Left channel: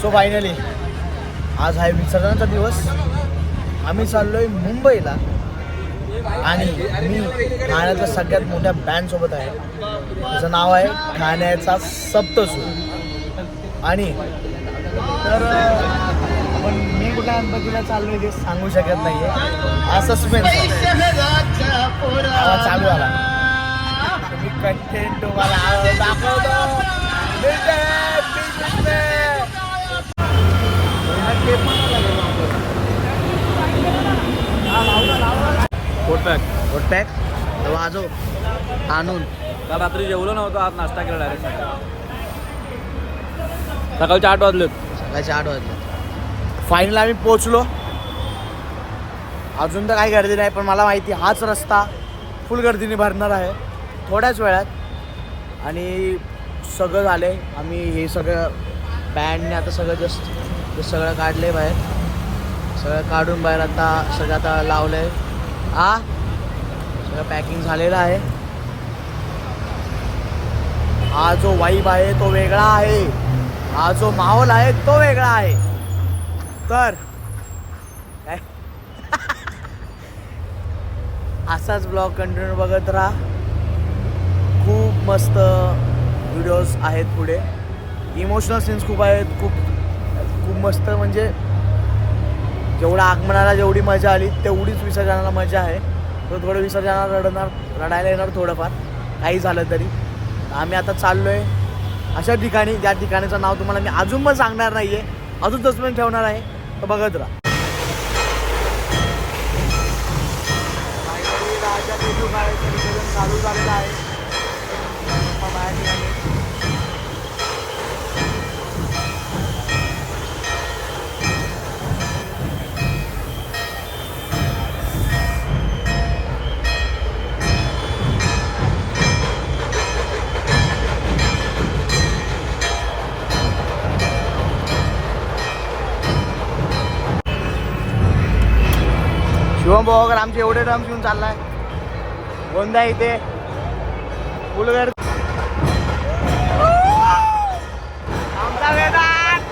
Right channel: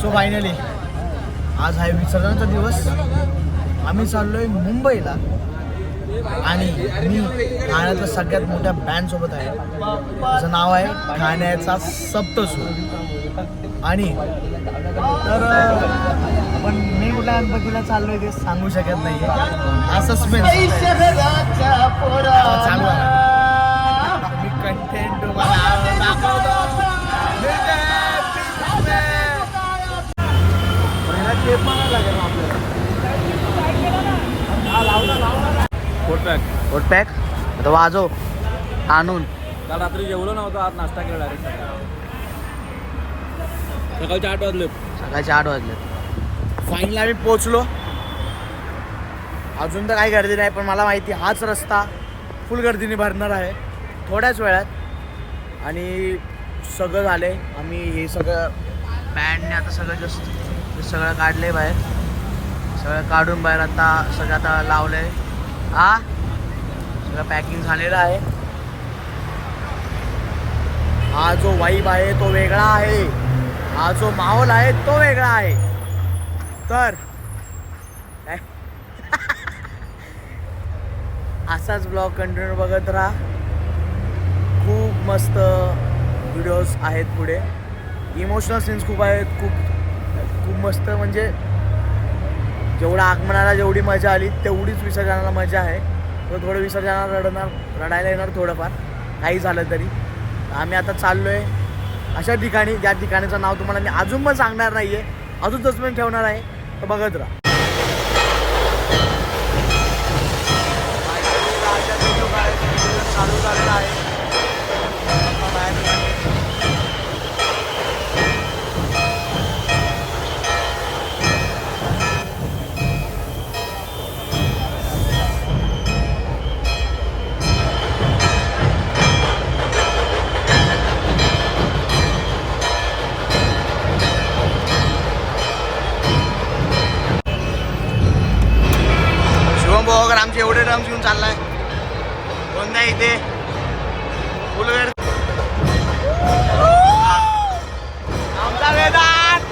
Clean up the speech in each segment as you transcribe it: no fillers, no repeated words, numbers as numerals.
So finally आज आहे विसर्जनाचा दिवस. आम्ही चाललोय मुंबईला आणि मी ठाण्यातल्या सगळ्यात मोठ्या बँड सोबत आहे. त्याचं नाव आहे ठाण्याचा सप्तसूर. आणि तर आपण मी कुठल्या गणपतीला चाललोय ते सांगू शकत नाहीये. हा सस्पेन्स चालू आला. मी कंटेंट तुम्हाला दाखवतो. कोट पॅक तर वाजव आणून. काल रात्री जेवलो नव्हतं, आज नाश्ता केला डायरेक्ट. सकाळचे 8 वाजलेत. सकाळचे 8 वाजले. फायनल आम्ही पोचलो. अजून तर काही गर्दी नाही, पण मला माहिती हाच रस्ता फुल गर्दीने भरणार आहे थोड्याच वेळात. आणि सगळं झाले. आम्ही हे सगळं बँडने आता सगळं सगळं काढले बाहेर. सगळं काढून बाहेर आता सगळं आता लावलं आहे. सगळं पॅकिंग झालेलं आहे. हा जो वाईब आहे तो वेगळा आहे. हा जो माहोल आहे तो वेगळा आहे. तर असाच ब्लॉग कंटिन्यू बघत राहा. खूप मस्त व्हिडिओज आहेत पुढे. इमोशनल सीन्स खूप आहेत. खूप मस्त. म्हणजे जेवढं आगमनाला जेवढी मजा आली तेवढीच विसर्जनाला मजा आहे. थोडं विसर्जनाला रडायला येणार थोडंफार काही झालं तरी. आम्ही आता चाललो आहे अशा ठिकाणी ज्या ठिकाणाचं नाव तुम्हाला मी अजून पण सांगणार नाही आहे. अजून सस्पेन्स ठेवणार आहे. तर बघत राहा. राजा देशू काय विसर्जन चालू झालेलं आहे. बाहेर निघाले. शिवम भाऊ आमचे एवढे ड्रम्स घेऊन चाललाय. गोंदा इथे फुलगर आमचा वेदांत.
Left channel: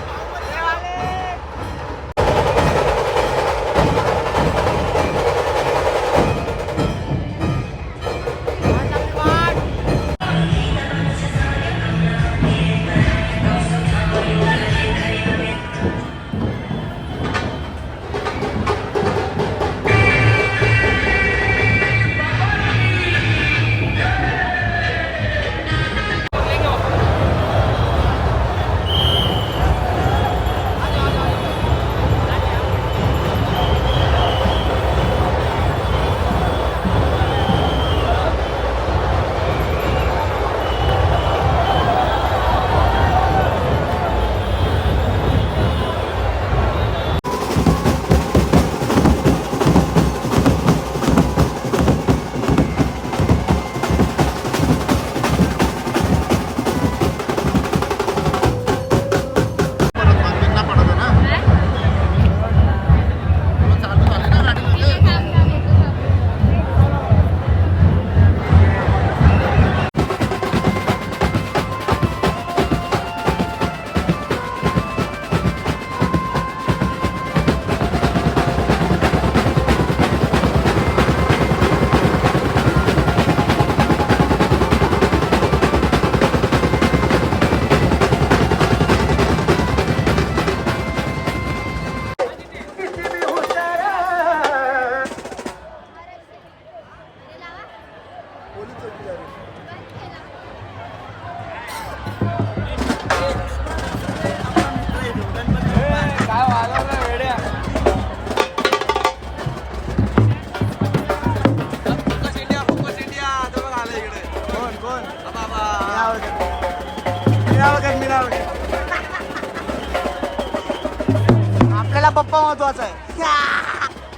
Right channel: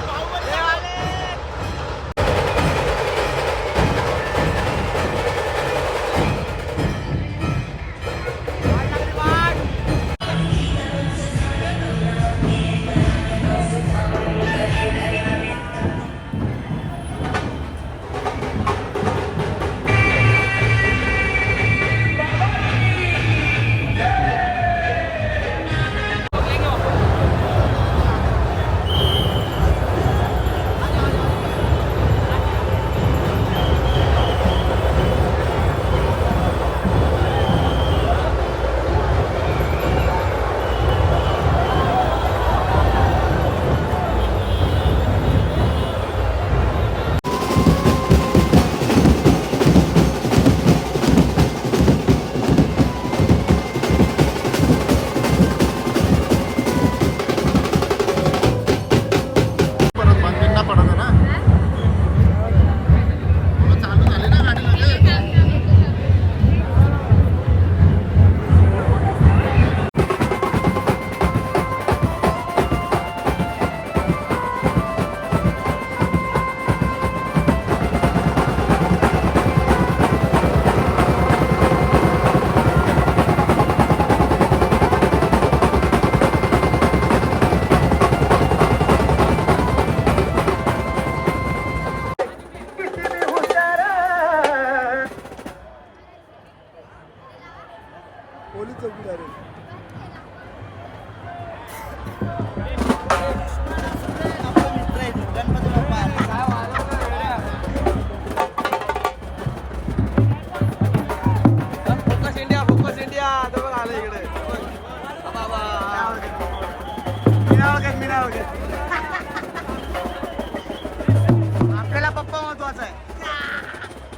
आपल्याला पप्पा महत्वाचा आहे.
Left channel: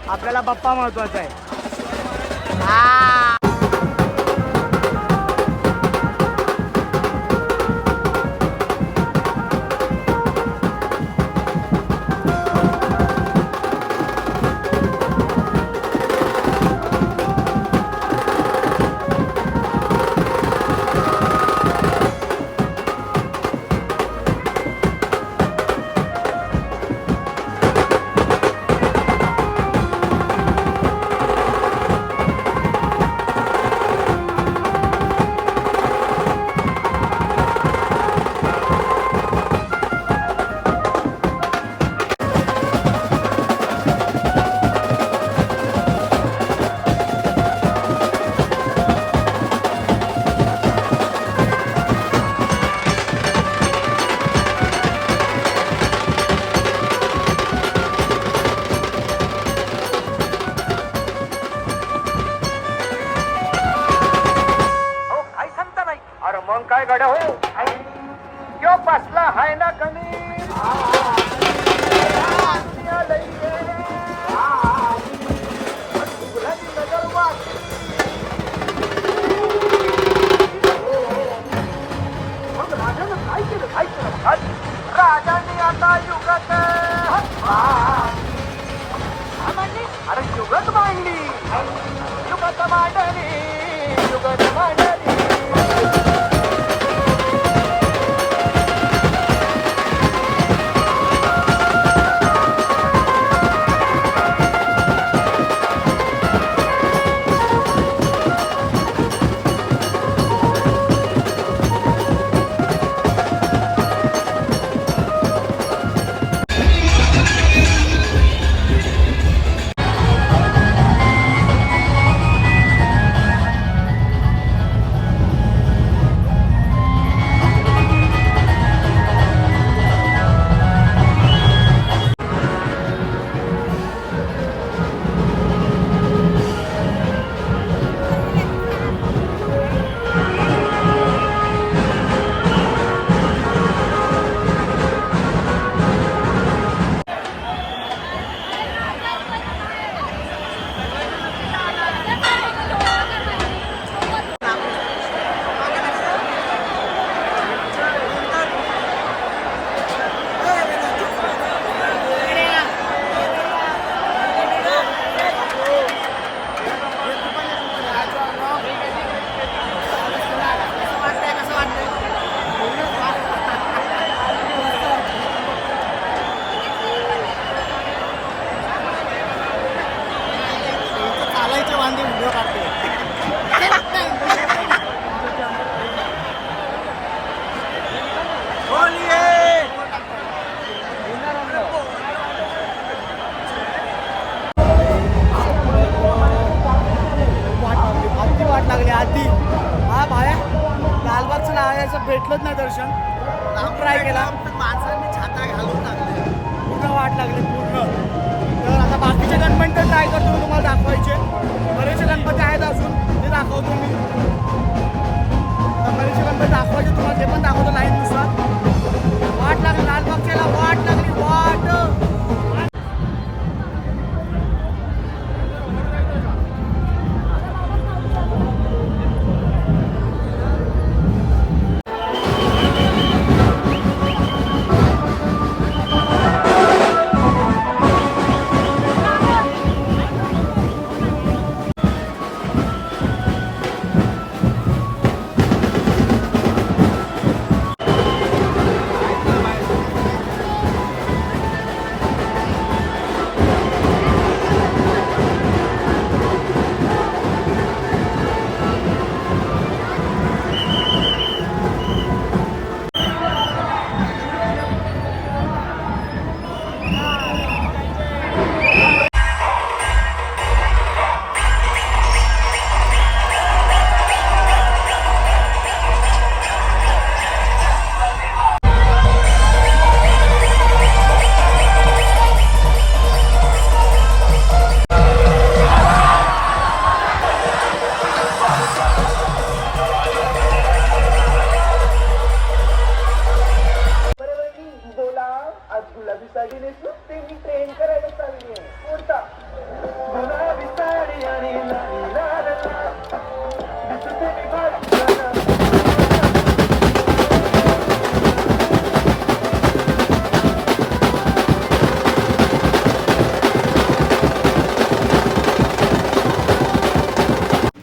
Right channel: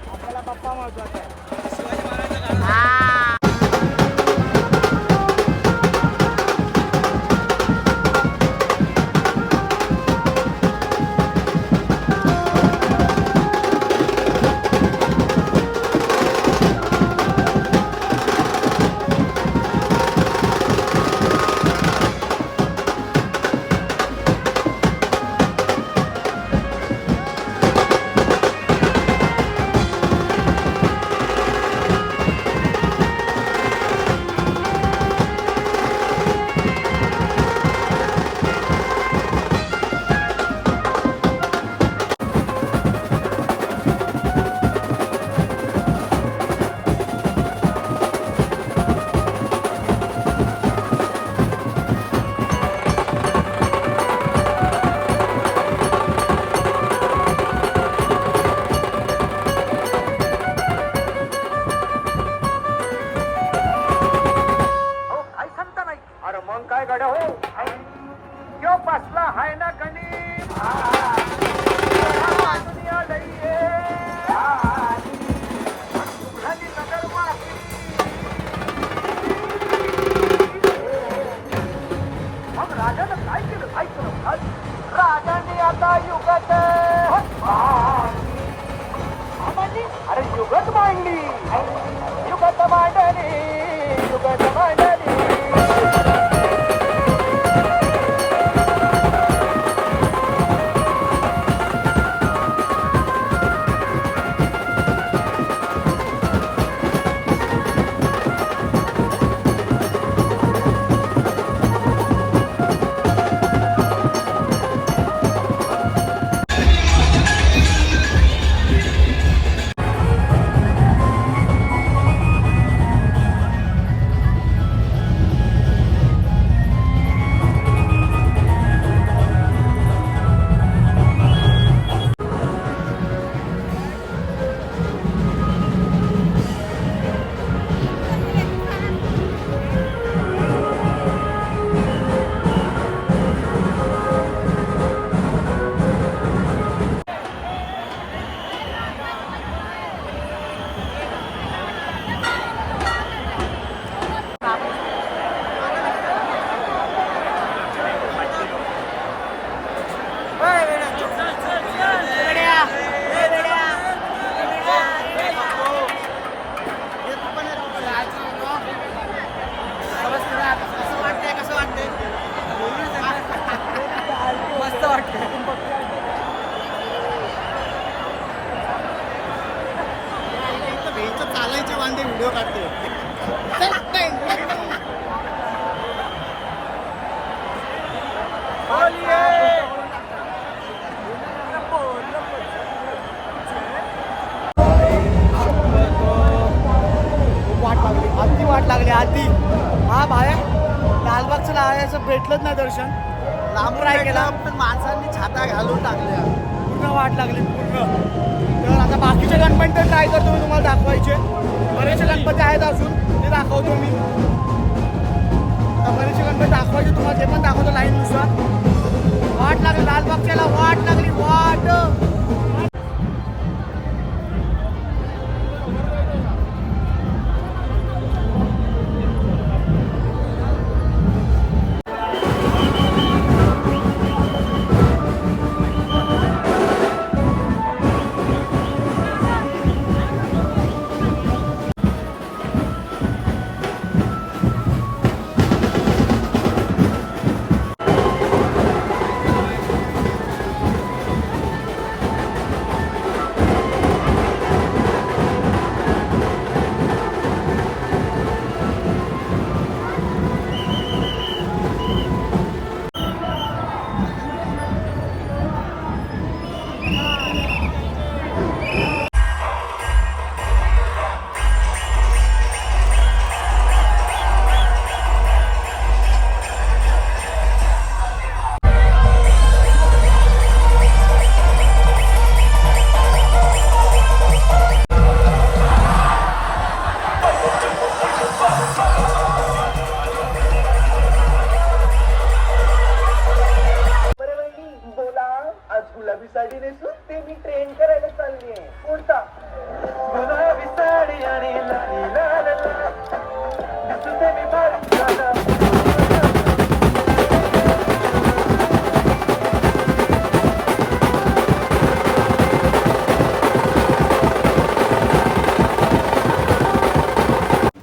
आपल्याला पप्पा महत्वाचा आहे. शिवाजी महाराज. यो बसला हाय ना गणित दुनिया लई नगर वाटली मग राजानं काय केलं राजाने आता युगात अरे युगत मांडली युगत मांडली युगत मांडली चालायचे वांदे व्हिडिओ काढते वाट लागली आधी हा भाया लालबागचं लावायचं भेटलंच नाही दर्शन लांब ट्राय केला पण माणसांनी छाता घालून टाकले पूर्ण वाट लागली पूर्ण तर आता बाकीचे गणपती तर ट्राय करतो मी तुम्हाला दाखवायचे बरेचसे गणपती आहेत अजून ते दाखवतो मी आता बरेचसे गणपती दाखवायचे तुम्हाला ते पण दाखवतो लाईननुसार वाट लागली लालबागच्याला वाट लागली वाट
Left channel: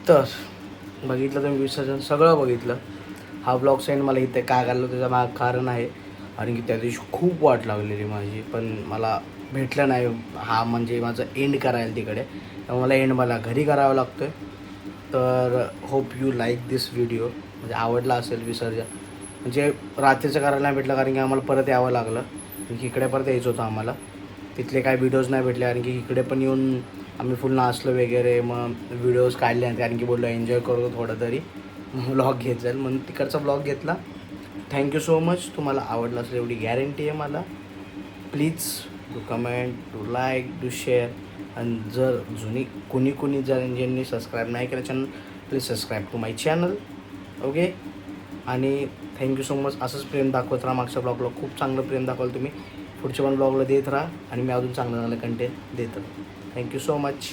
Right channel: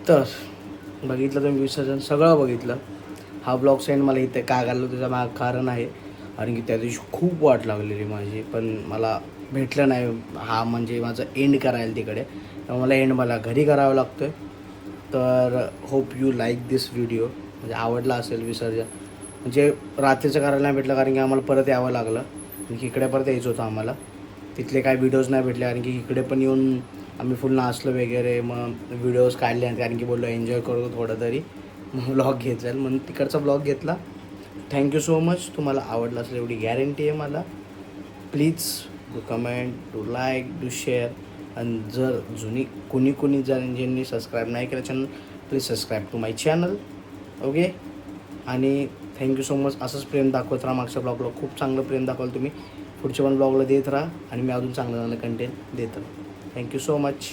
तर बघितलं तुम्ही विसर्जन सगळं बघितलं हा ब्लॉग सेंड मला इथे का घाललं त्याचं माग कारण आहे कारण की त्या दिवशी खूप वाट लागलेली माझी पण मला भेटलं नाही हा म्हणजे माझं एंड करायला तिकडे त्यामुळे मला एंड मला घरी करावं लागतं आहे तर hope you like this video म्हणजे आवडला असेल विसर्जन म्हणजे रात्रीचं करायला नाही भेटलं कारण की आम्हाला परत यावं लागलं की इकडे परत यायचं होतं आम्हाला तिथले काही व्हिडिओज नाही भेटले कारण की इकडे पण येऊन आम्ही फुल नाचलो वगैरे मग व्हिडिओज काढले कारण की बोललो एन्जॉय करतो थोडं तरी मग व्लॉग घेत जाईल म्हणून तिकडचा व्लॉग घेतला थँक्यू सो मच तुम्हाला आवडला असेल एवढी गॅरंटी आहे मला please to comment to like to share आणि जर जुनी कोणी जर ज्यांनी सबस्क्राईब नाही केलं channel please subscribe to my channel okay आणि थँक्यू सो मच. असंच प्रेम दाखवत राहा. मागच्या ब्लॉगला खूप चांगलं प्रेम दाखवलं तुम्ही. पुढच्या पण ब्लॉगला देत राहा आणि मी अजून चांगलं चांगलं कंटेंट देत राहा. Thank you so much.